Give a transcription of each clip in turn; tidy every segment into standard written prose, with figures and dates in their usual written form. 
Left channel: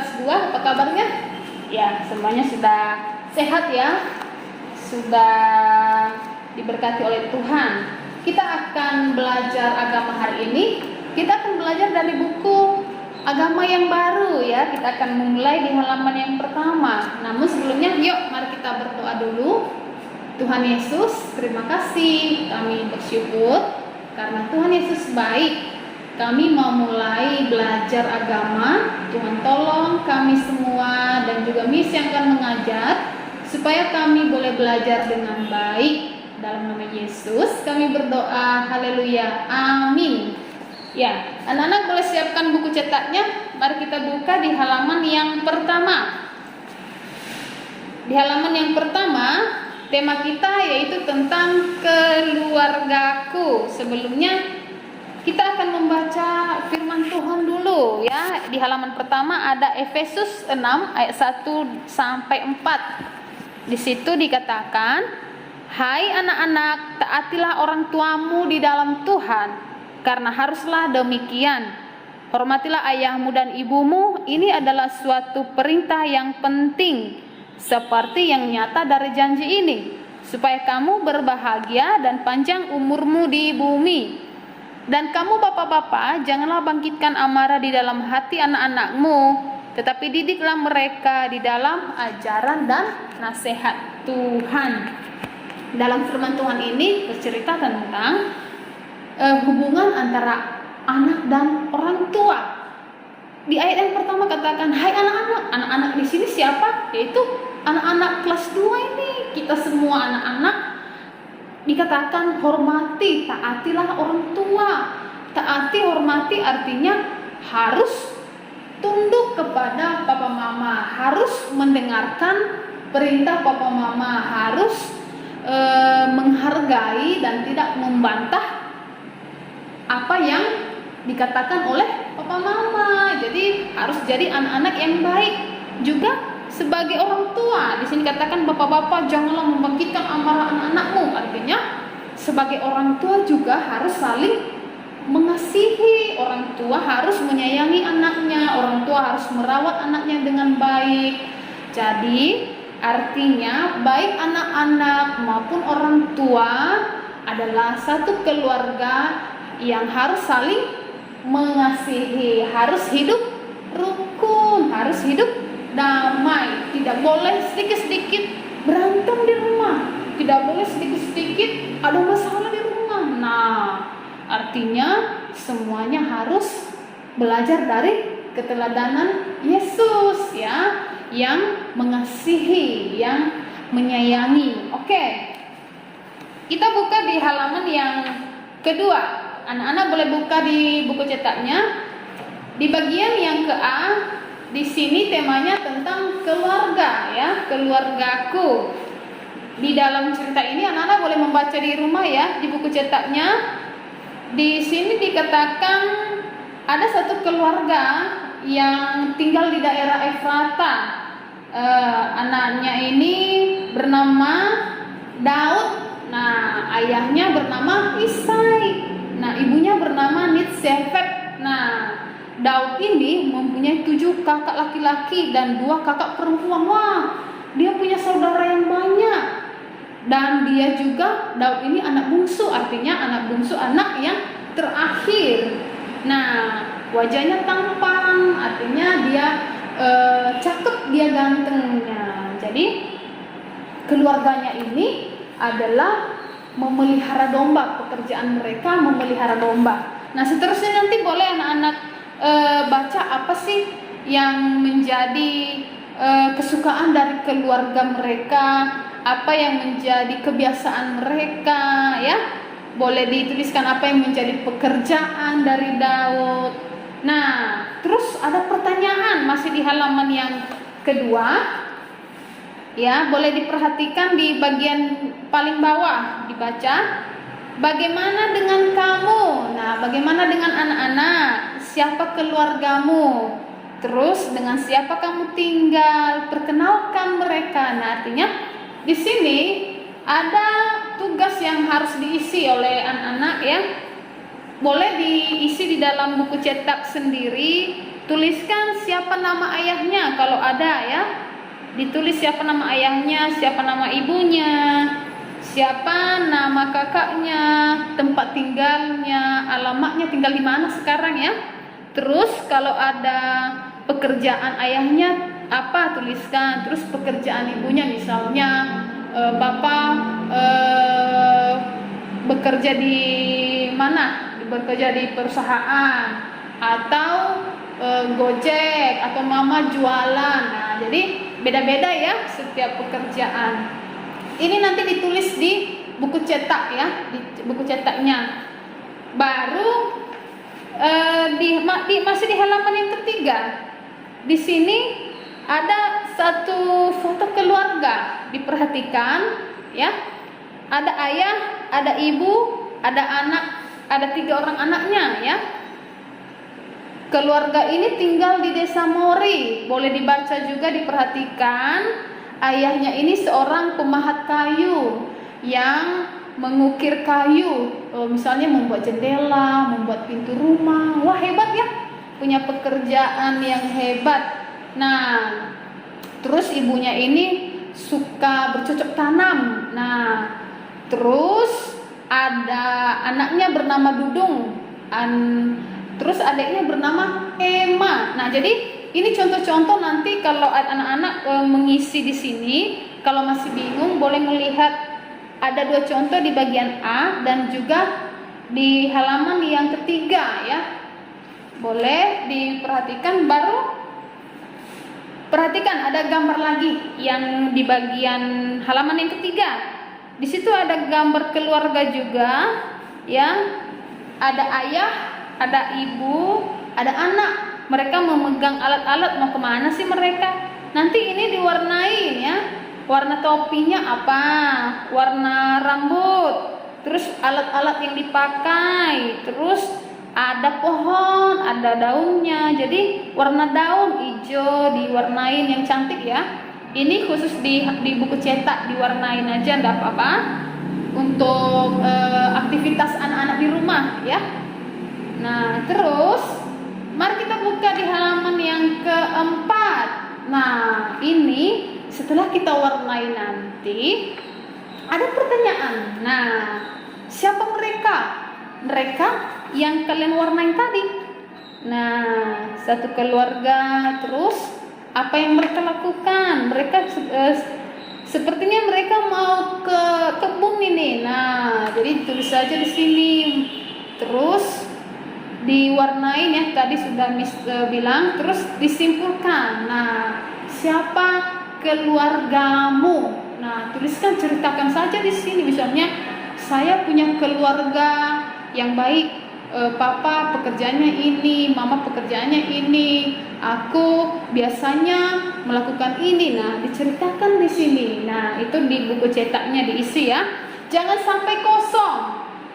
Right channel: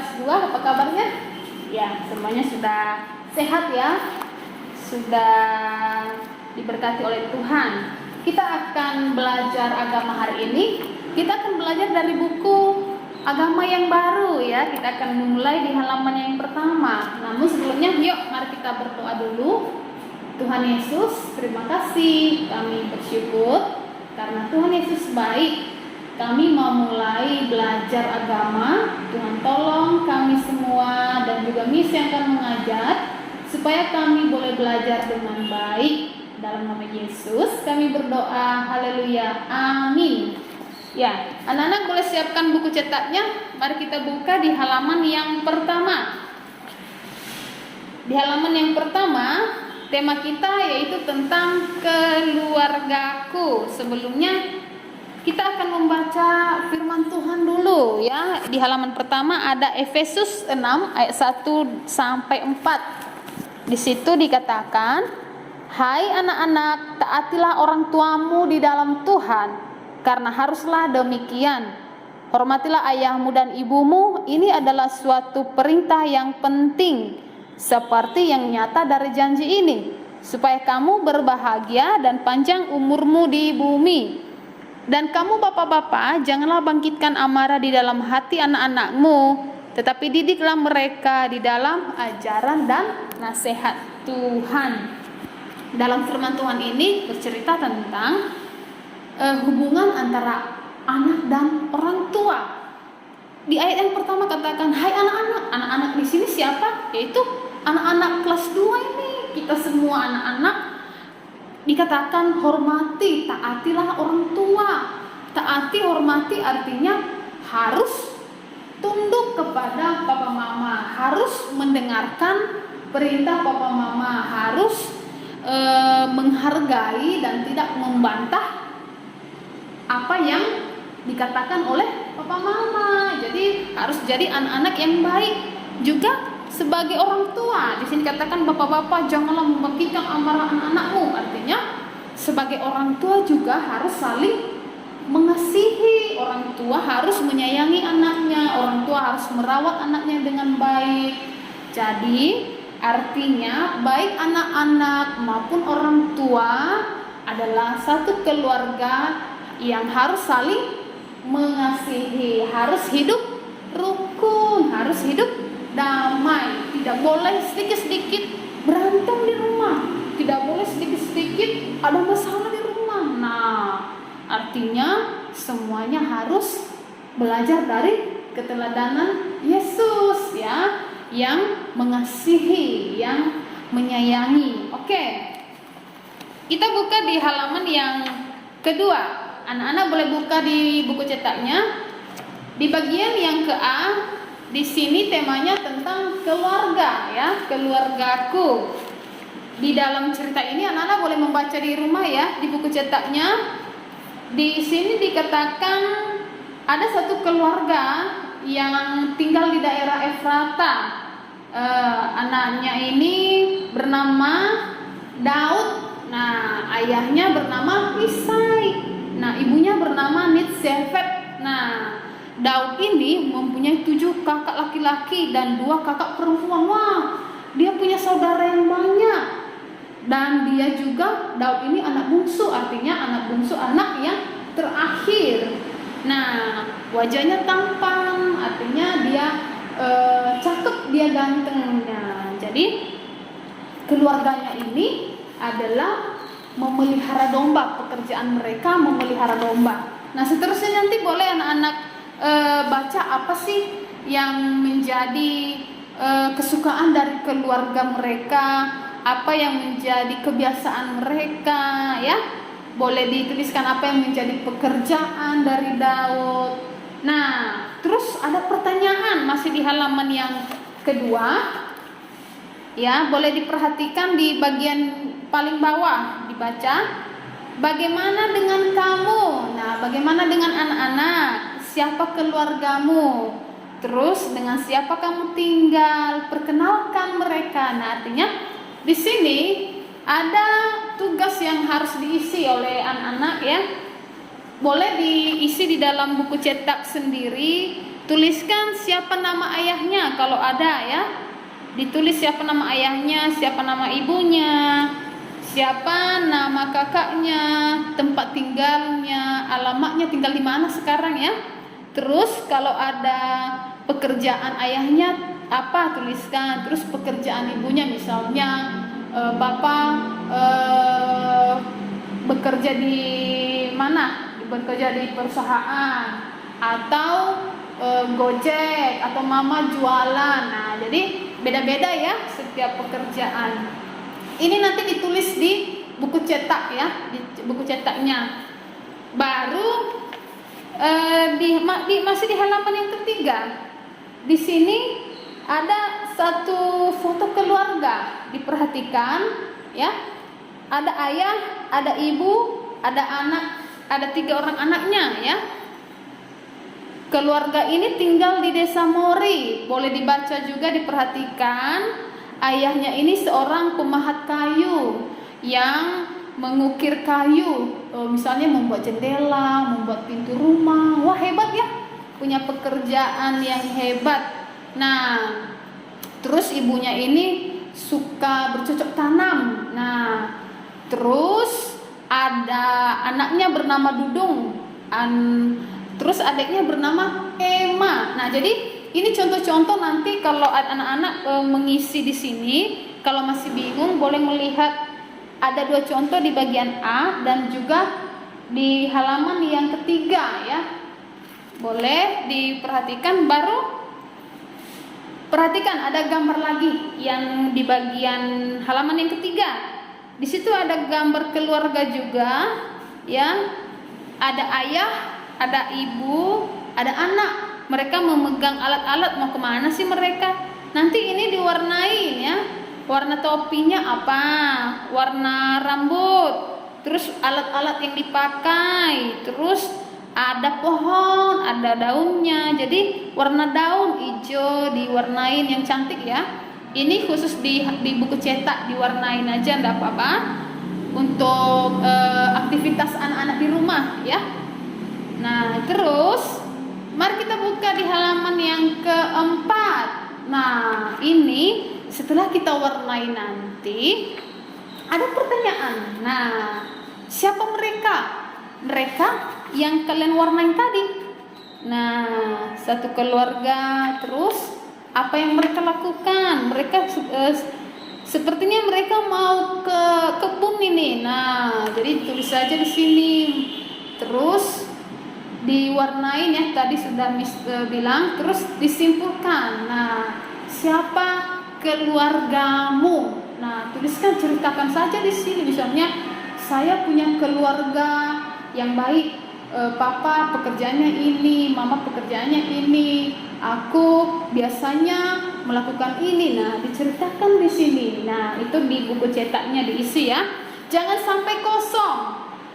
kelas 2, apa kabarnya? Ya, semuanya sudah sehat ya. Sudah diberkati oleh Tuhan. Kita akan belajar agama hari ini. Kita akan belajar dari buku agama yang baru ya. Kita akan memulai di halaman yang pertama. Namun sebelumnya yuk mari kita berdoa dulu. Tuhan Yesus, terima kasih, kami bersyukur karena Tuhan Yesus baik. Kami mau mulai belajar agama. Tuhan tolong kami semua dan juga Miss yang akan mengajar supaya kami boleh belajar dengan baik. Dalam nama Yesus kami berdoa, haleluya, amin. Ya, anak-anak boleh siapkan buku cetaknya. Mari kita buka di halaman yang pertama. Di halaman yang pertama, tema kita yaitu tentang keluargaku. Sebelumnya kita akan membaca firman Tuhan dulu ya. Di halaman pertama ada Efesus 6 ayat 1 sampai 4. Di situ dikatakan, "Hai anak-anak, taatilah orang tuamu di dalam Tuhan, karena haruslah demikian. Hormatilah ayahmu dan ibumu, ini adalah suatu perintah yang penting, seperti yang nyata dari janji ini, supaya kamu berbahagia dan panjang umurmu di bumi. Dan kamu bapak-bapak, janganlah bangkitkan amarah di dalam hati anak-anakmu, tetapi didiklah mereka di dalam ajaran dan nasihat Tuhan." Dalam firman Tuhan ini bercerita tentang hubungan antara anak dan orang tua. Di ayat yang pertama katakan, "Hai anak-anak." Anak-anak di sini siapa? Yaitu anak-anak kelas 2 ini. Kita semua anak-anak dikatakan hormati, taatilah orang tua. Taati, hormati artinya harus tunduk kepada papa mama, harus mendengarkan perintah papa mama, harus menghargai dan tidak membantah apa yang dikatakan oleh papa mama. Jadi harus jadi anak-anak yang baik juga sebagai orang tua. Di sini katakan, bapak-bapak janganlah membangkitkan amarah anak-anakmu. Artinya sebagai orang tua juga harus saling mengasihi. Orang tua harus menyayangi anaknya. Orang tua harus merawat anaknya dengan baik. Jadi artinya baik anak-anak maupun orang tua adalah satu keluarga yang harus saling mengasihi, harus hidup rukun, harus hidup damai. Tidak boleh sedikit-sedikit berantem di rumah, tidak boleh sedikit-sedikit ada masalah di rumah. Nah, artinya semuanya harus belajar dari keteladanan Yesus ya, yang mengasihi, yang menyayangi. Oke, kita buka di halaman yang kedua. Anak-anak boleh buka di buku cetaknya. Di bagian yang ke A, di sini temanya tentang keluarga ya, keluargaku. Di dalam cerita ini anak-anak boleh membaca di rumah ya, di buku cetaknya. Di sini dikatakan ada satu keluarga yang tinggal di daerah Efrata. Anaknya ini bernama Daud. Nah, ayahnya bernama Isai. Nah, ibunya bernama Nitsefet. Nah, Daud ini mempunyai 7 kakak laki-laki dan 2 kakak perempuan. Wah, dia punya saudara yang banyak. Dan dia juga, Daud ini anak bungsu, artinya anak bungsu, anak yang terakhir. Nah, wajahnya tampan, artinya dia cakep, dia ganteng. Nah, jadi keluarganya ini adalah memelihara domba, pekerjaan mereka memelihara domba. Nah, seterusnya nanti boleh anak-anak baca apa sih yang menjadi kesukaan dari keluarga mereka, apa yang menjadi kebiasaan mereka ya. Boleh dituliskan apa yang menjadi pekerjaan dari Daud. Nah, terus ada pertanyaan masih di halaman yang kedua. Ya, boleh diperhatikan di bagian paling bawah dibaca. Bagaimana dengan kamu? Nah, bagaimana dengan anak-anak? Siapa keluargamu? Terus dengan siapa kamu tinggal? Perkenalkan mereka. Nah, artinya di sini ada tugas yang harus diisi oleh anak-anak ya. Boleh diisi di dalam buku cetak sendiri tuliskan siapa nama ayahnya kalau ada ya. Ditulis siapa nama ayahnya, siapa nama ibunya, siapa nama kakaknya, tempat tinggalnya, alamatnya, tinggal di mana sekarang ya. Terus kalau ada pekerjaan ayahnya apa, tuliskan. Terus pekerjaan ibunya, misalnya bapak bekerja di mana, bekerja di perusahaan, atau Gojek, atau mama jualan. Nah, jadi beda-beda ya setiap pekerjaan. Ini nanti ditulis di buku cetak ya, di buku cetaknya. Baru masih di halaman yang ketiga. Di sini ada satu foto keluarga, diperhatikan ya. Ada ayah, ada ibu, ada anak, ada 3 orang anaknya ya. Keluarga ini tinggal di desa Mori. Boleh dibaca juga, diperhatikan. Ayahnya ini seorang pemahat kayu yang mengukir kayu, misalnya membuat jendela, membuat pintu rumah. Wah, hebat ya, punya pekerjaan yang hebat. Nah, terus ibunya ini suka bercocok tanam. Nah, terus ada anaknya bernama Dudung, terus adiknya bernama Emma. Nah, jadi ini contoh-contoh, nanti kalau anak-anak mengisi di sini, kalau masih bingung boleh melihat ada 2 contoh di bagian A dan juga di halaman yang ketiga ya. Boleh diperhatikan. Baru perhatikan ada gambar lagi yang di bagian halaman yang ketiga. Di situ ada gambar keluarga juga ya. Ada ayah, ada ibu, ada anak. Mereka memegang alat-alat, mau kemana sih mereka? Nanti ini diwarnai ya. Warna topinya apa? Warna rambut. Terus alat-alat yang dipakai. Terus ada pohon, ada daunnya. Jadi warna daun hijau diwarnain yang cantik ya. Ini khusus di buku cetak diwarnain aja, enggak apa-apa. Untuk aktivitas anak-anak di rumah ya. Nah, terus mari kita buka di halaman yang keempat. Nah, ini setelah kita warnai nanti ada pertanyaan. Nah, siapa mereka? Mereka yang kalian warnai tadi. Nah, satu keluarga. Terus apa yang mereka lakukan? Mereka sepertinya mereka mau ke kebun ini. Nah, jadi tulis saja di sini. Terus diwarnain ya, tadi sudah Miss bilang. Terus disimpulkan. Nah, siapa keluargamu? Nah, tuliskan, ceritakan saja di sini. Misalnya, saya punya keluarga yang baik. Papa pekerjaannya ini, mama pekerjaannya ini. Aku biasanya melakukan ini. Nah, diceritakan di sini. Nah, itu di buku cetaknya diisi ya. Jangan sampai kosong,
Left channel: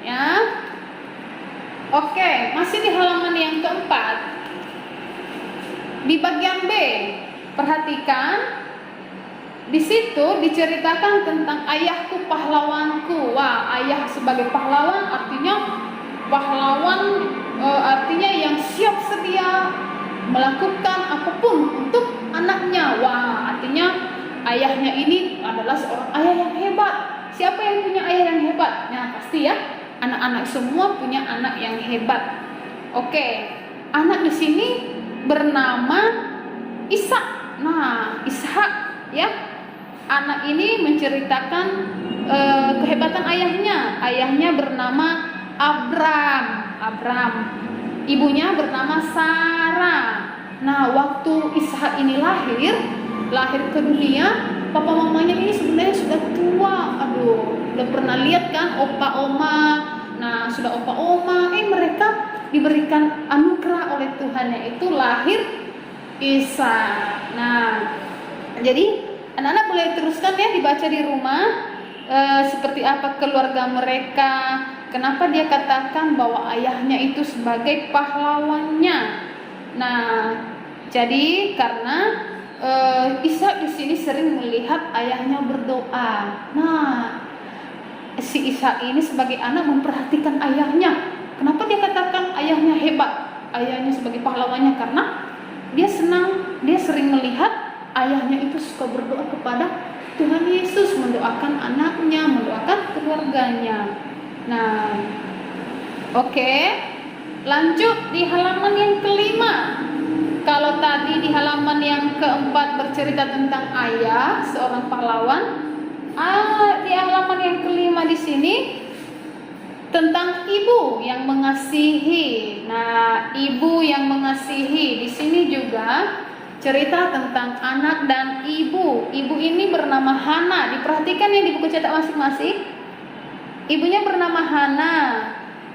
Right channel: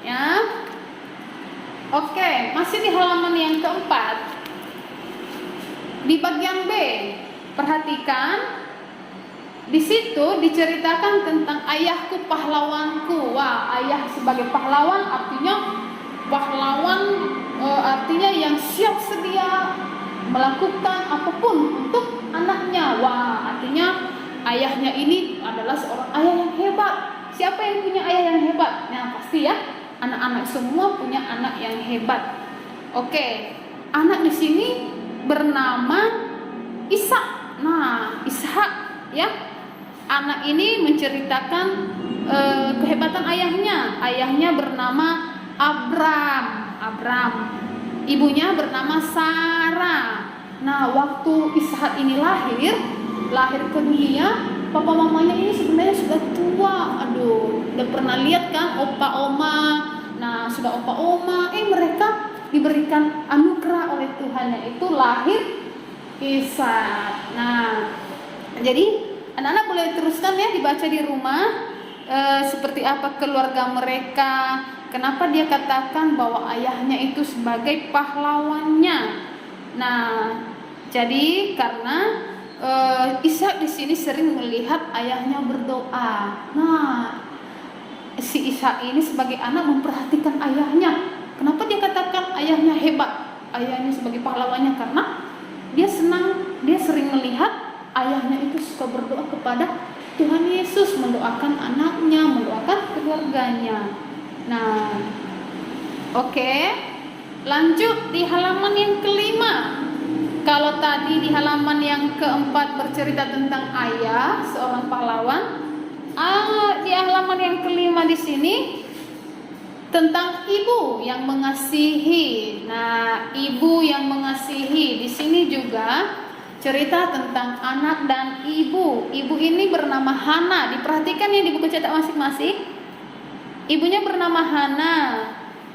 ya. Oke, masih di halaman yang keempat. Di bagian B, perhatikan. Di situ diceritakan tentang ayahku pahlawanku. Wah, ayah sebagai pahlawan artinya artinya yang siap sedia melakukan apapun untuk anaknya. Wah, artinya ayahnya ini adalah seorang ayah yang hebat. Siapa yang punya ayah yang hebat? Nah, pasti ya, anak-anak semua punya anak yang hebat. Oke, anak di sini bernama Ishak. Nah, Ishak ya. Anak ini menceritakan kehebatan ayahnya. Ayahnya bernama Abram. Ibunya bernama Sarah. Nah, waktu Ishak ini lahir ke dunia, papa mamanya ini sebenarnya sudah tua. Aduh, udah pernah lihat kan opa oma. Nah, sudah opa oma, mereka diberikan anugerah oleh Tuhan, yaitu lahir Ishak. Nah, jadi anak-anak boleh teruskan ya, dibaca di rumah seperti apa keluarga mereka. Kenapa dia katakan bahwa ayahnya itu sebagai pahlawannya? Nah, jadi karena Ishak di sini sering melihat ayahnya berdoa. Nah, si Ishak ini sebagai anak memperhatikan ayahnya. Kenapa dia katakan ayahnya hebat? Ayahnya sebagai pahlawannya karena dia senang, dia sering melihat ayahnya itu suka berdoa kepada Tuhan Yesus, mendoakan anaknya, mendoakan keluarganya. Nah, oke. Lanjut di halaman yang kelima. Kalau tadi di halaman yang keempat bercerita tentang ayah, seorang pahlawan, di halaman yang kelima di sini tentang ibu yang mengasihi. Nah, ibu yang mengasihi di sini juga cerita tentang anak dan ibu. Ibu ini bernama Hana. Diperhatikan yang di buku cetak masing-masing. Ibunya bernama Hana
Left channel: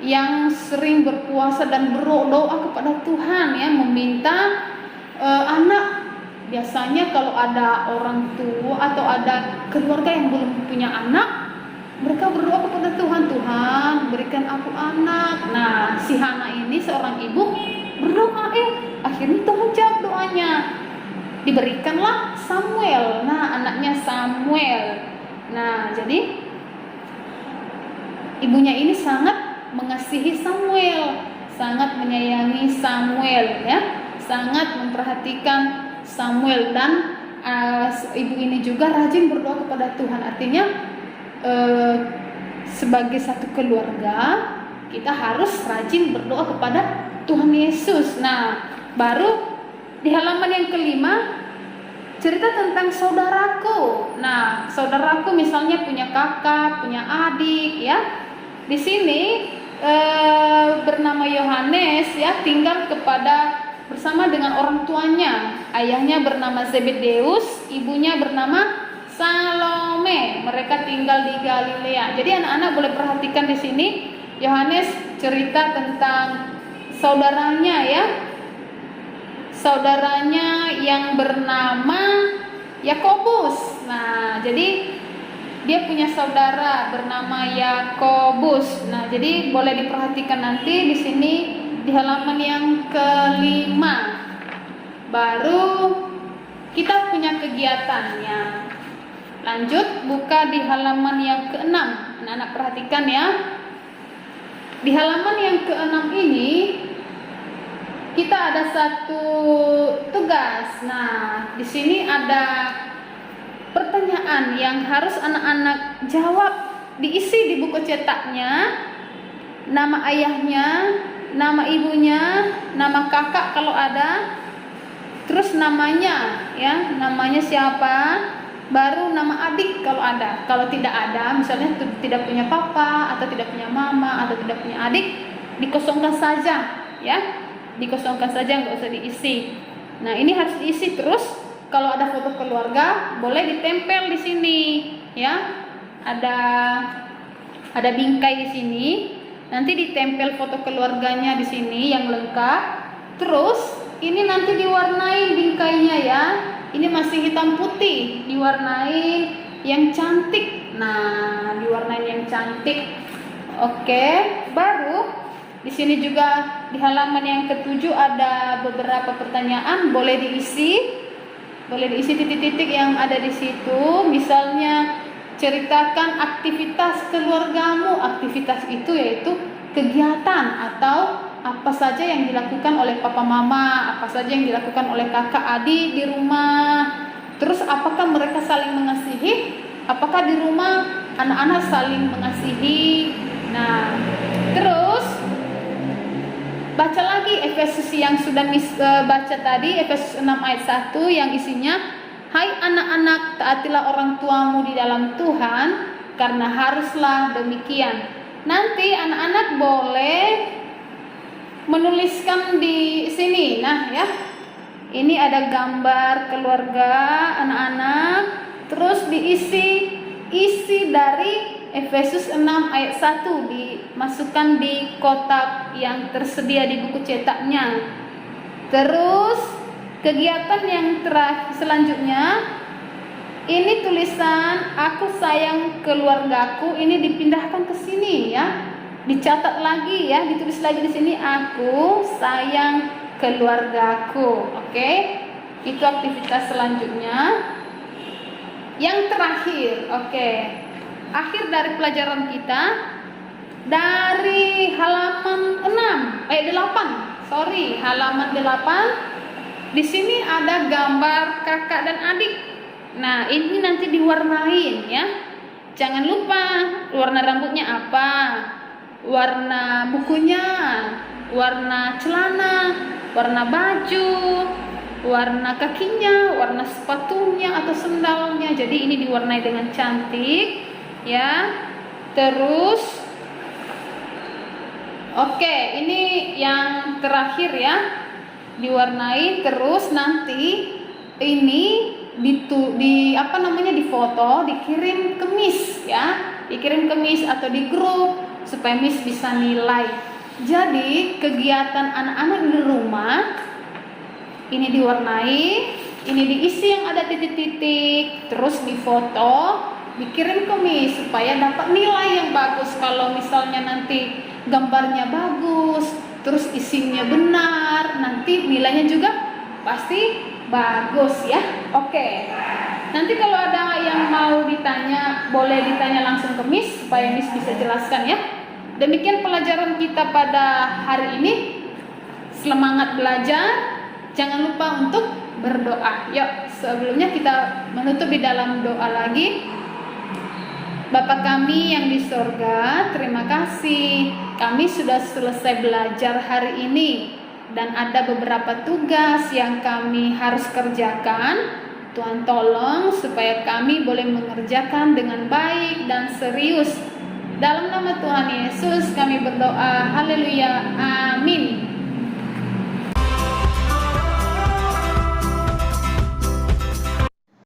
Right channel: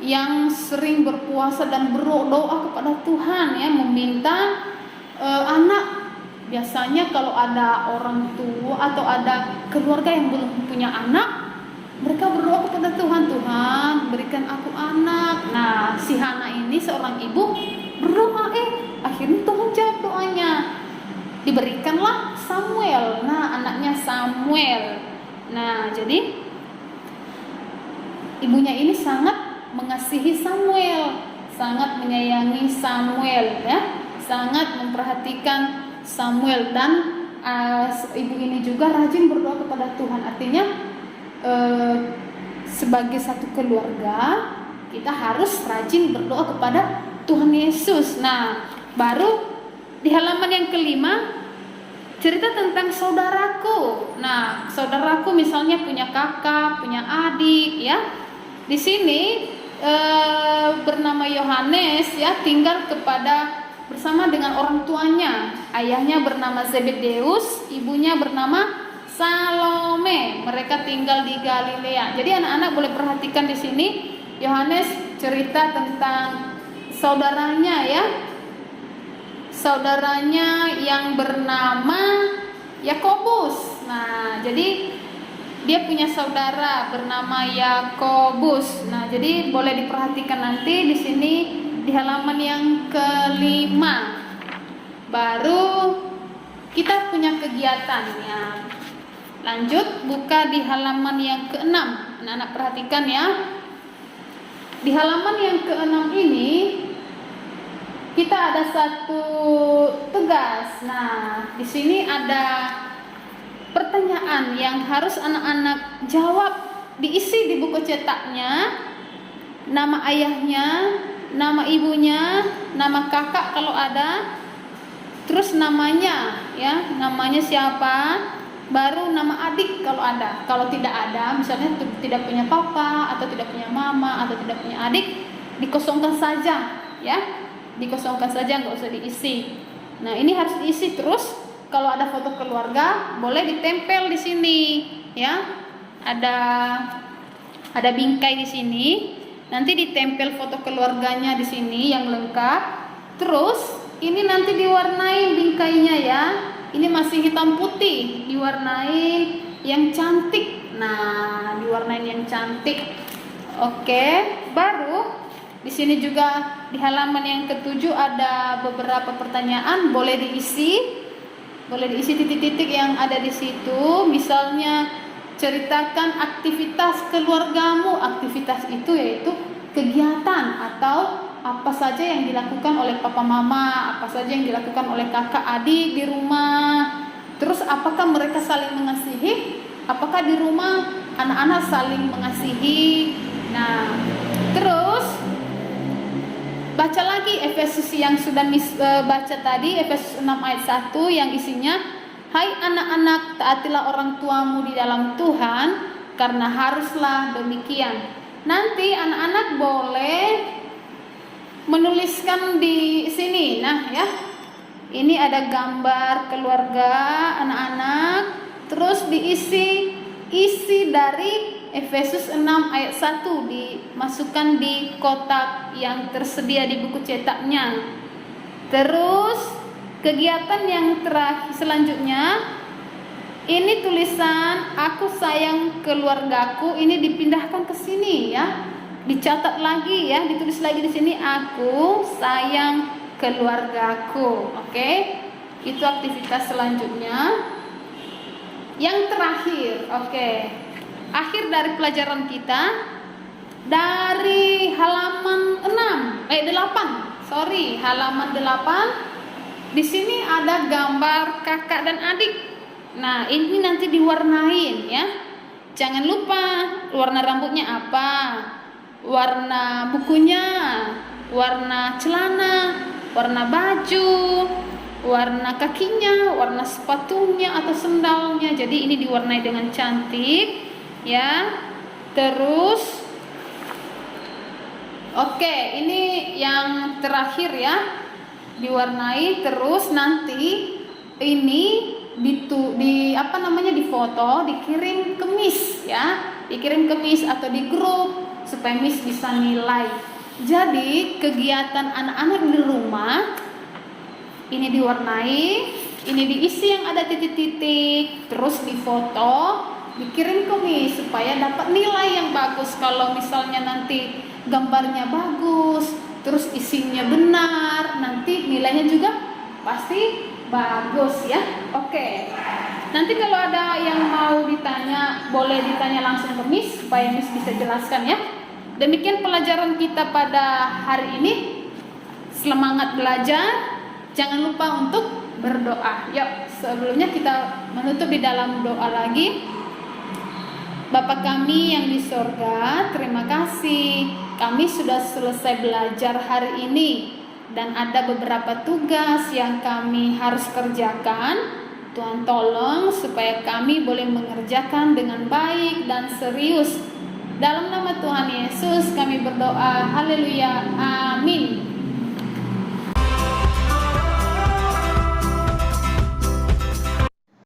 yang sering berpuasa dan berdoa kepada Tuhan, ya, meminta anak. Biasanya kalau ada orang tua atau ada keluarga yang belum punya anak, mereka berdoa kepada Tuhan, Tuhan berikan aku anak. Nah, si Hana ini seorang ibu berdoa, akhirnya Tuhan jawab doanya. Diberikanlah Samuel. Nah, anaknya Samuel. Nah, jadi ibunya ini sangat mengasihi Samuel, sangat menyayangi Samuel, ya, sangat memperhatikan Samuel. Dan ibu ini juga rajin berdoa kepada Tuhan. Artinya sebagai satu keluarga kita harus rajin berdoa kepada Tuhan Yesus. Nah, baru di halaman yang kelima cerita tentang saudaraku. Nah, saudaraku misalnya punya kakak, punya adik, ya. Di sini bernama Yohanes, ya, tinggal bersama dengan orang tuanya. Ayahnya bernama Zebedeus, ibunya bernama Salome. Mereka tinggal di Galilea. Jadi anak-anak boleh perhatikan di sini Yohanes cerita tentang saudaranya, ya. Saudaranya yang bernama Yakobus. Nah, jadi dia punya saudara bernama Yakobus. Nah, jadi boleh diperhatikan nanti di sini di halaman yang kelima. Baru kita punya kegiatannya. Lanjut buka di halaman yang keenam. Anak-anak perhatikan, ya. Di halaman yang keenam ini kita ada satu tugas. Nah, di sini ada pertanyaan yang harus anak-anak jawab. Diisi di buku cetaknya nama ayahnya, nama ibunya, nama kakak kalau ada, terus namanya, ya, namanya siapa, baru nama adik kalau ada. Kalau tidak ada, misalnya tidak punya papa atau tidak punya mama atau tidak punya adik, dikosongkan saja, ya, dikosongkan saja, nggak usah diisi. Nah, ini harus diisi terus. Kalau ada foto keluarga, boleh ditempel di sini, ya. Ada bingkai di sini. Nanti ditempel foto keluarganya di sini yang lengkap. Terus ini nanti diwarnai bingkainya, ya. Ini masih hitam putih, diwarnai yang cantik. Nah, diwarnai yang cantik. Oke, baru di sini juga di halaman yang ketujuh ada beberapa pertanyaan, boleh diisi. Boleh diisi titik-titik yang ada di situ. Misalnya ceritakan aktivitas keluargamu. Aktivitas itu yaitu kegiatan atau apa saja yang dilakukan oleh papa mama, apa saja yang dilakukan oleh kakak adik di rumah. Terus apakah mereka saling mengasihi? Apakah di rumah anak-anak saling mengasihi? Nah, terus baca lagi Efesus yang sudah baca tadi, Efesus 6 ayat 1 yang isinya, hai anak-anak, taatilah orang tuamu di dalam Tuhan, karena haruslah demikian. Nanti anak-anak boleh menuliskan di sini. Nah, ya, ini ada gambar keluarga anak-anak, terus isi dari Efesus 6 ayat 1 dimasukkan di kotak yang tersedia di buku cetaknya. Terus kegiatan yang terakhir selanjutnya, ini tulisan aku sayang keluargaku, ini dipindahkan ke sini, ya. Dicatat lagi, ya, ditulis lagi di sini aku sayang keluargaku. Oke. Itu aktivitas selanjutnya. Yang terakhir, oke. Akhir dari pelajaran kita dari halaman 8, halaman 8 Di sini ada gambar kakak dan adik. Nah, ini nanti diwarnain ya. Jangan lupa warna rambutnya apa, warna bukunya, warna celana, warna baju, warna kakinya, warna sepatunya atau sendalnya. Jadi ini diwarnai dengan cantik ya. Terus oke, ini yang terakhir ya. Diwarnai, terus nanti ini difoto, dikirim ke Miss ya. Dikirim ke Miss atau di grup supaya Miss bisa nilai. Jadi kegiatan anak-anak di rumah ini diwarnai, ini diisi yang ada titik-titik, terus difoto, dikirim ke Miss supaya dapat nilai yang bagus. Kalau misalnya nanti gambarnya bagus, terus isinya benar, nanti nilainya juga pasti bagus ya. Oke. Nanti kalau ada yang mau ditanya, boleh ditanya langsung ke Miss supaya Miss bisa jelaskan ya. Demikian pelajaran kita pada hari ini. Semangat belajar. Jangan lupa untuk berdoa. Yuk, sebelumnya kita menutup di dalam doa lagi. Bapa kami yang di sorga, terima kasih. Kami sudah selesai belajar hari ini. Dan ada beberapa tugas yang kami harus kerjakan. Tuhan tolong supaya kami boleh mengerjakan dengan baik dan serius. Dalam nama Tuhan Yesus kami berdoa. Haleluya. Amin.